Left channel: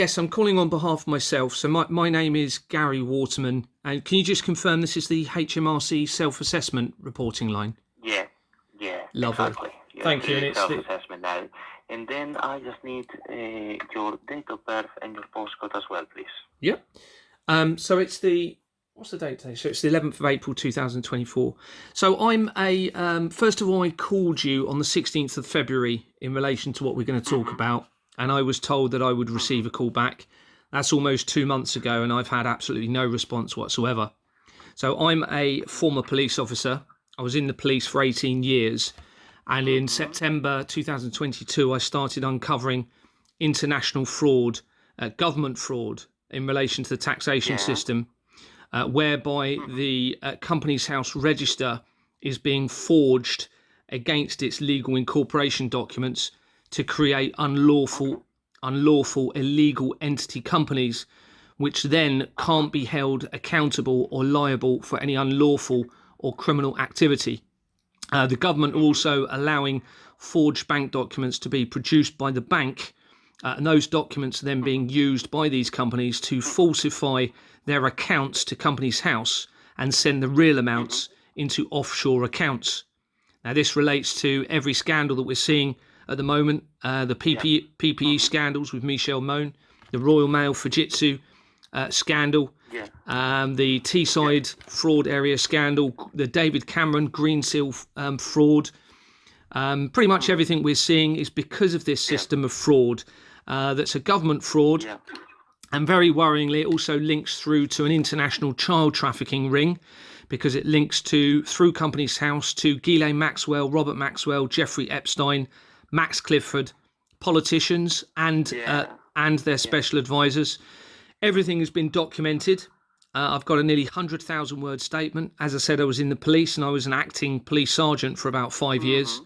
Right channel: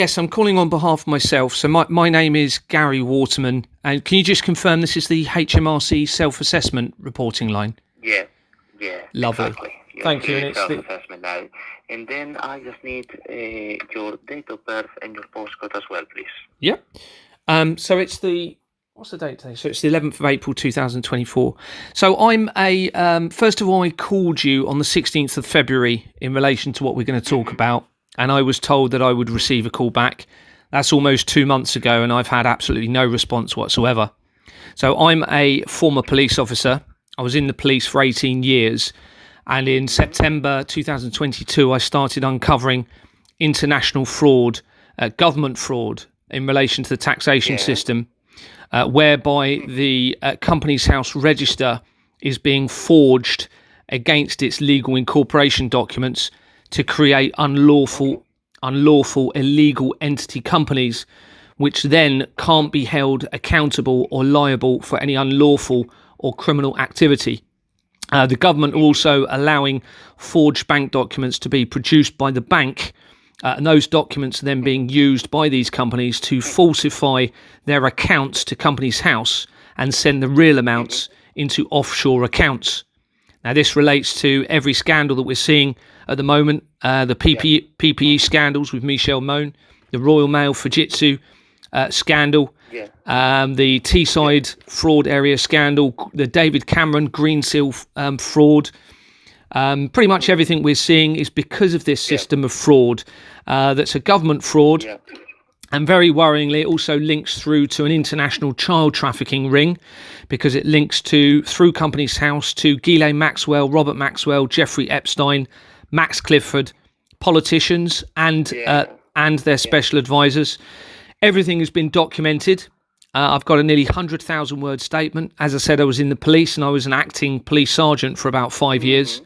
Yes, I'm calling on behalf of myself. So my name is Gary Waterman. And can you just confirm this is the HMRC self-assessment reporting line? Yeah, Lovely. exactly. You're Thank you. And through it's self-assessment now. And then I just need your date of birth and your postcode as well, please. yeah. So it's what's the date today? So it's the 11th of April 2024. So I'm first of all, I called you on the 16th of February in relation to what we're going to talk about. And I was told that I would receive a call back. That's almost 2 months ago, and I've had absolutely no response whatsoever. So I'm a former police officer. I was in the police for 18 years. And in September 2022, I started uncovering international fraud, government fraud in relation to the taxation system, whereby the Companies House register is being forged against its legal incorporation documents to create unlawful, illegal entity companies, which then can't be held accountable or liable for any unlawful or criminal activity. The government also allowing forged bank documents to be produced by the bank, and those documents are then being used by these companies to falsify their accounts to Companies House and send the real amounts into offshore accounts. Now, this relates to every scandal that we're seeing at the moment, the PPE scandals with Michelle Mone, the Royal Mail Fujitsu scandal, the Teesside fraud area scandal, the David Cameron Green Seal fraud. Pretty much everything we're seeing is because of this system of fraud that's a government fraud. And very worryingly, it also links through to an international child trafficking ring, because it links through Companies House to Ghislaine Maxwell, Robert Maxwell, Jeffrey Epstein, Max Clifford, politicians and their special advisors. Everything has been documented. I've got a nearly 100,000 word statement. As I said, I was in the police and I was an acting police sergeant for about 5 years.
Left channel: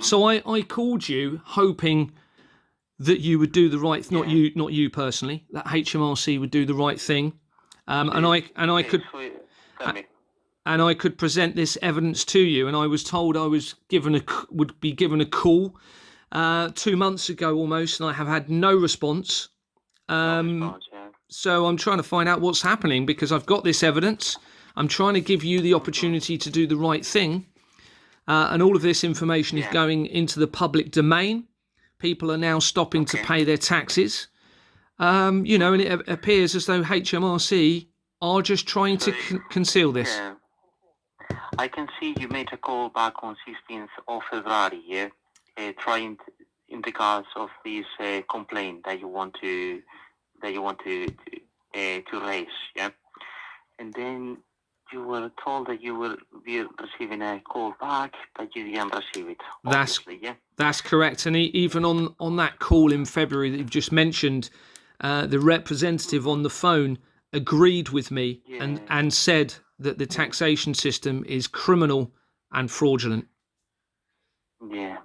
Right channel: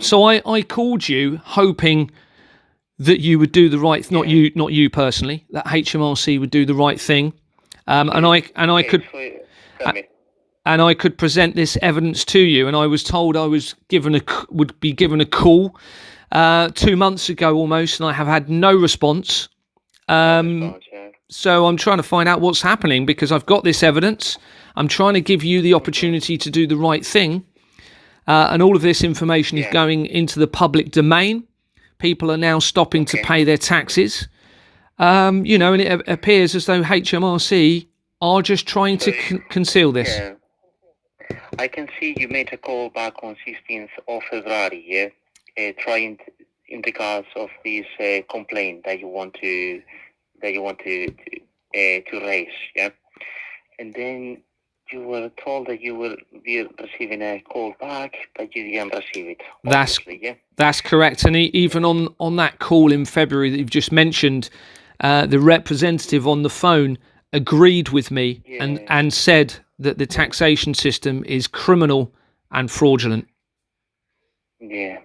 So I called you hoping that you would do the right, not you personally, that HMRC would do the right thing, and I could present this evidence to you. And I was told I would be given a call 2 months ago almost, and I have had no response. So I'm trying to find out what's happening, because I've got this evidence. I'm trying to give you the opportunity to do the right thing, and all of this information is going into the public domain. People are now stopping to pay their taxes, and it appears as though HMRC are just trying to conceal this. Yeah. I can see you made a call back on 16th of February, trying in regards of this complaint that you want to raise, and then you were told that you will be receiving a call back, but you didn't receive it. That's correct. And even on that call in February that you've just mentioned, the representative on the phone agreed with me and said that the taxation system is criminal and fraudulent. Yeah.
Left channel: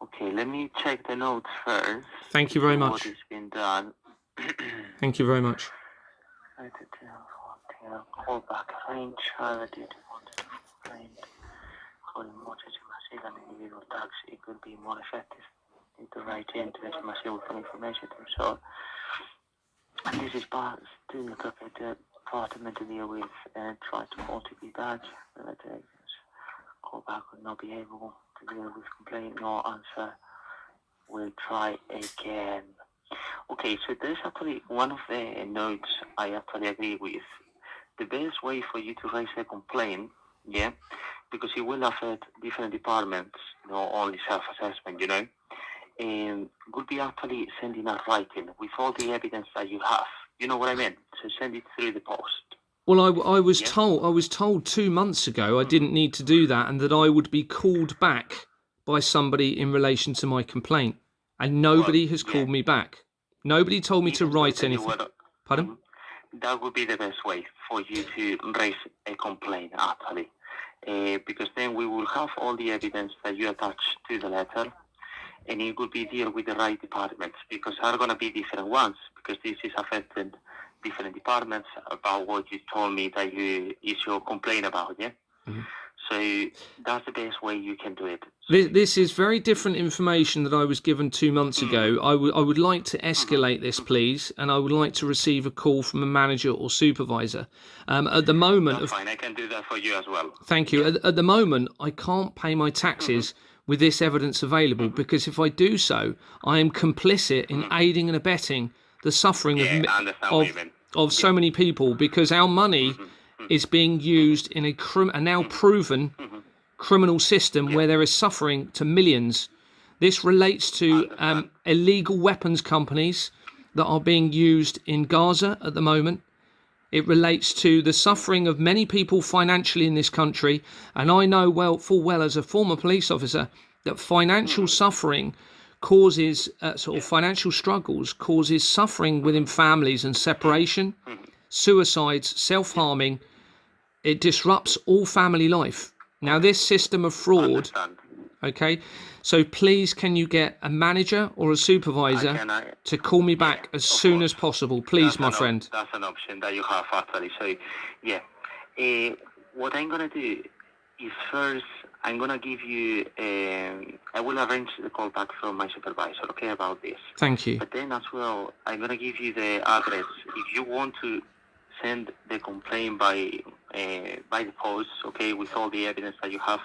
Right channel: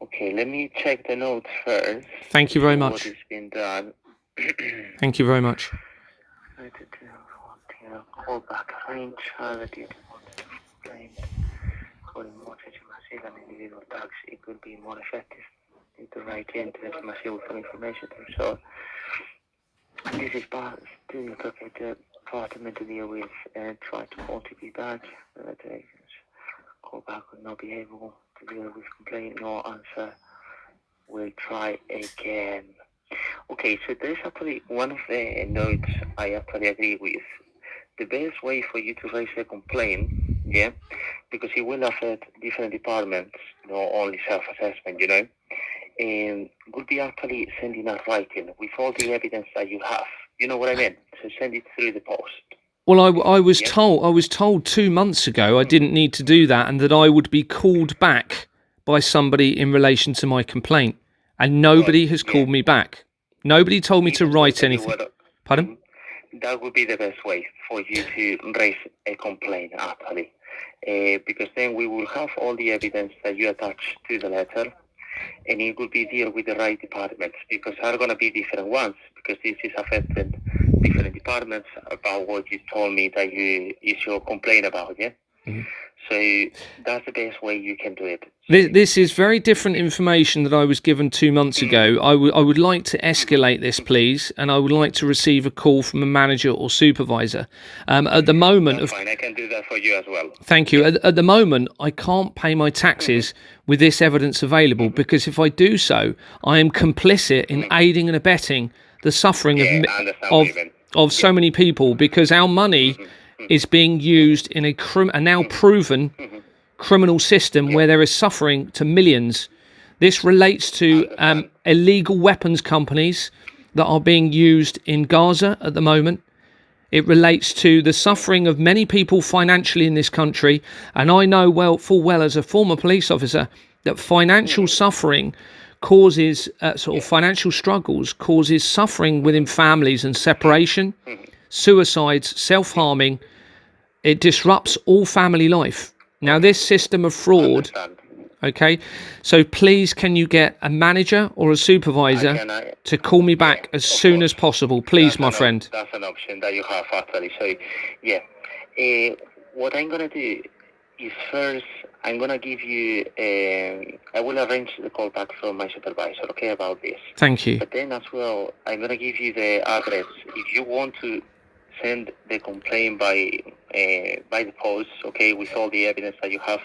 Okay, let me check the notes first. Thank you very much. What has been done. Thank you very much. Call back range, did want to complain for the mortgage massive and individual tax. It could be more effective to write into this massive information. So this is part to the department to deal with and try to call to be back. Call back would not be able to deal with complaint, no answer. We'll try again. Okay, so there's actually one of the notes I actually agree with. The best way for you to raise a complaint, because it will affect different departments, not only self-assessment, and would be actually sending a writing with all the evidence that you have. You know what I mean? So send it through the post. Well, I was told 2 months ago I didn't need to do that, and that I would be called back by somebody in relation to my complaint, and nobody has called me back. Nobody told me to write anything. Pardon? That would be the best way for you to raise a complaint, actually, because then we will have all the evidence that you attach to the letter, and it will be deal with the right departments, because there are going to be different ones, because this is affecting different departments about what you told me that is your complaint about, So that's the best way you can do it. This is very different information that I was given 2 months ago. I would like to escalate this, please, and I would like to receive a call from a manager or supervisor. At the moment, That's fine. I can do that for you as well. Thank you. At the moment, I can't pay my taxes with this evidence available because if I do so, I am complicit in aiding and abetting the suffering of so many people because our money is being used in a now proven criminal system where there is suffering to millions. This relates to illegal weapons companies that are being used in Gaza at the moment. It relates to the suffering of many people financially in this country. And I know full well as a former police officer that financial suffering causes financial struggles, causes suffering within families and separation, suicides, self-harming. It disrupts all family life. Now, this system of fraud, okay, so please can you get a manager or a supervisor to call me back as soon as possible, please, my friend. That's an option that you have, actually. So, yeah. What I'm going to do is first, I'm going to give you, I will arrange the call back from my supervisor, okay, about this. Thank you. But then as well, I'm going to give you the address. If you want to send the complaint by the post, okay, with all the evidence that you have,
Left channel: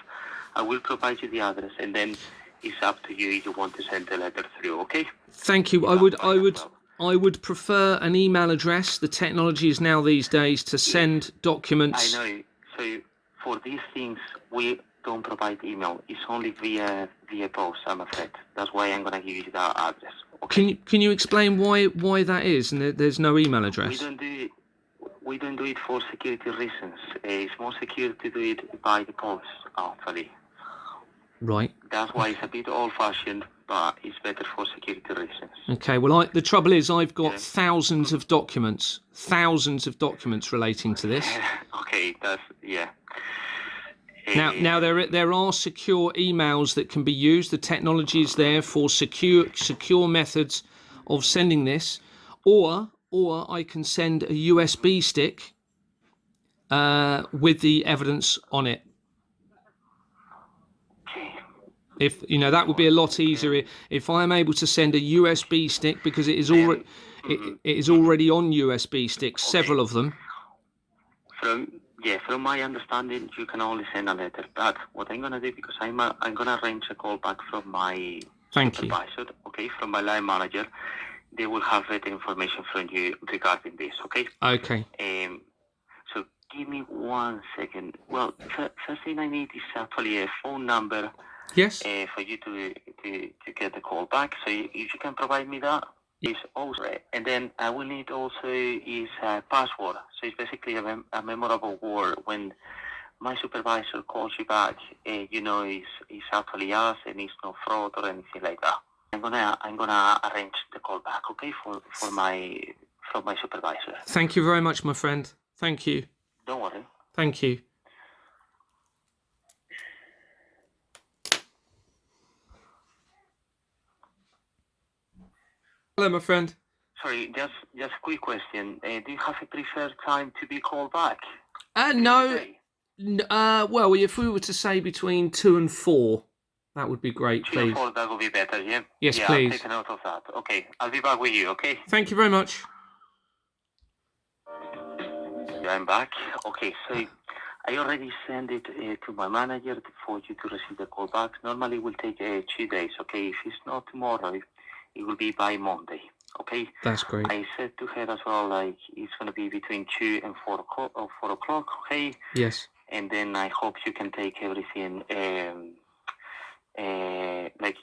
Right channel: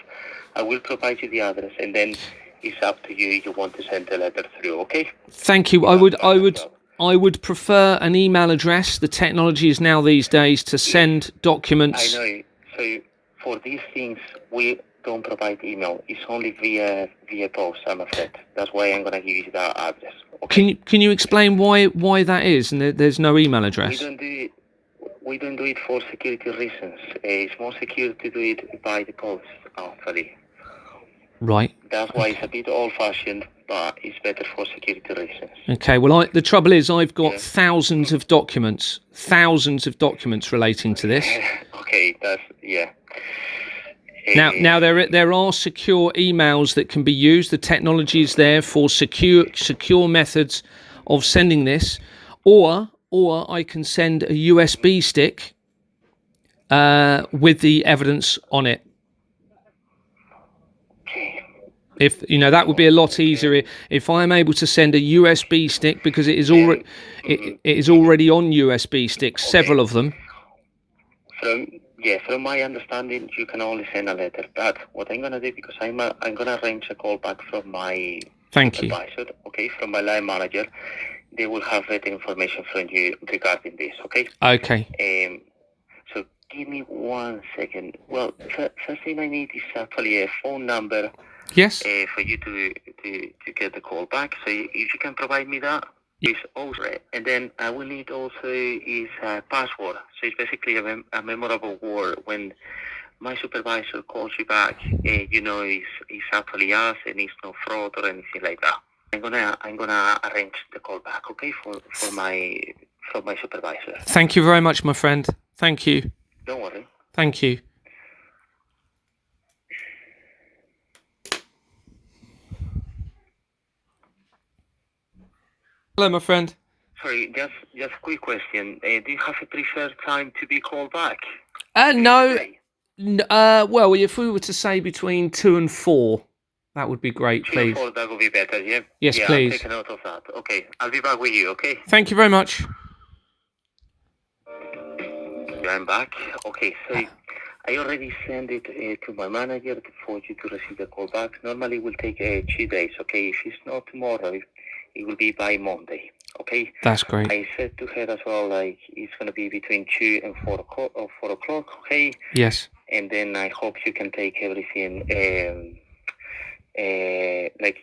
I will provide you the address, and then it's up to you if you want to send the letter through, okay? Thank you. I would prefer an email address. The technology is now these days to send documents. I know. So for these things, we don't provide email. It's only via post, I'm afraid. That's why I'm going to give you that address. Okay? Can you explain why that is and there's no email address? We don't do it for security reasons. It's more secure to do it by the post, actually. Right. That's why it's a bit old-fashioned, but it's better for security reasons. Okay. Well, the trouble is, I've got thousands of documents relating to this. Okay. Now there are secure emails that can be used. The technology is there for secure methods of sending this, or I can send a USB stick with the evidence on it. If that would be a lot easier if I am able to send a USB stick because it is already on USB sticks, several of them. From my understanding, you can only send a letter. But what I'm gonna do, because I'm gonna arrange a call back from my supervisor, okay, from my line manager. They will have that information from you regarding this, okay? Okay. So give me 1 second. Well, first thing I need is actually a phone number. Yes. For you to get the call back. So if you can provide me that, it's also. And then I will need also is a password. So it's basically a memorable word. When my supervisor calls you back, it's actually us and it's no fraud or anything like that. I'm gonna arrange the call back, okay, from my supervisor. Thank you very much, my friend. Thank you. Don't worry. Thank you. Hello, my friend. Sorry, just a quick question. Do you have a preferred time to be called back? No. Well, if we were to say between 2 and 4, that would be great, please. 2 and 4, that would be better, yeah? Yes, please. I'll take a note of that. Okay, I'll be back with you, okay? Thank you very much. I'm back. Okay, so I already sent it to my manager for you to receive the call back. Normally it will take 2 days, okay? If it's not tomorrow, it will be by Monday, okay? That's great. I said to her as well, it's going to be between 2 and 4 o'clock, okay? Yes. And then I hope you can take everything,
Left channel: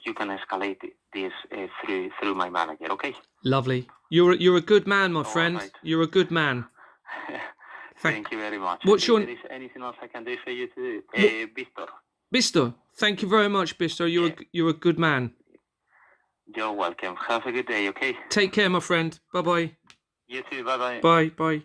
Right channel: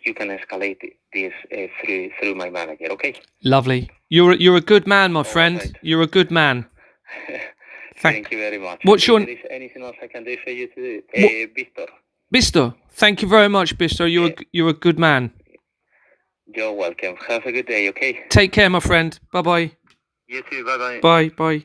you can escalate this through my manager, okay? Lovely. You're a good man, my friend. Right. You're a good man. Thank you very much. What's your... If there is anything else I can do for you to do, Bistor. Thank you very much, Bistor. You're a good man. You're welcome. Have a good day, okay? Take care, my friend. Bye-bye. You too. Bye-bye. Bye.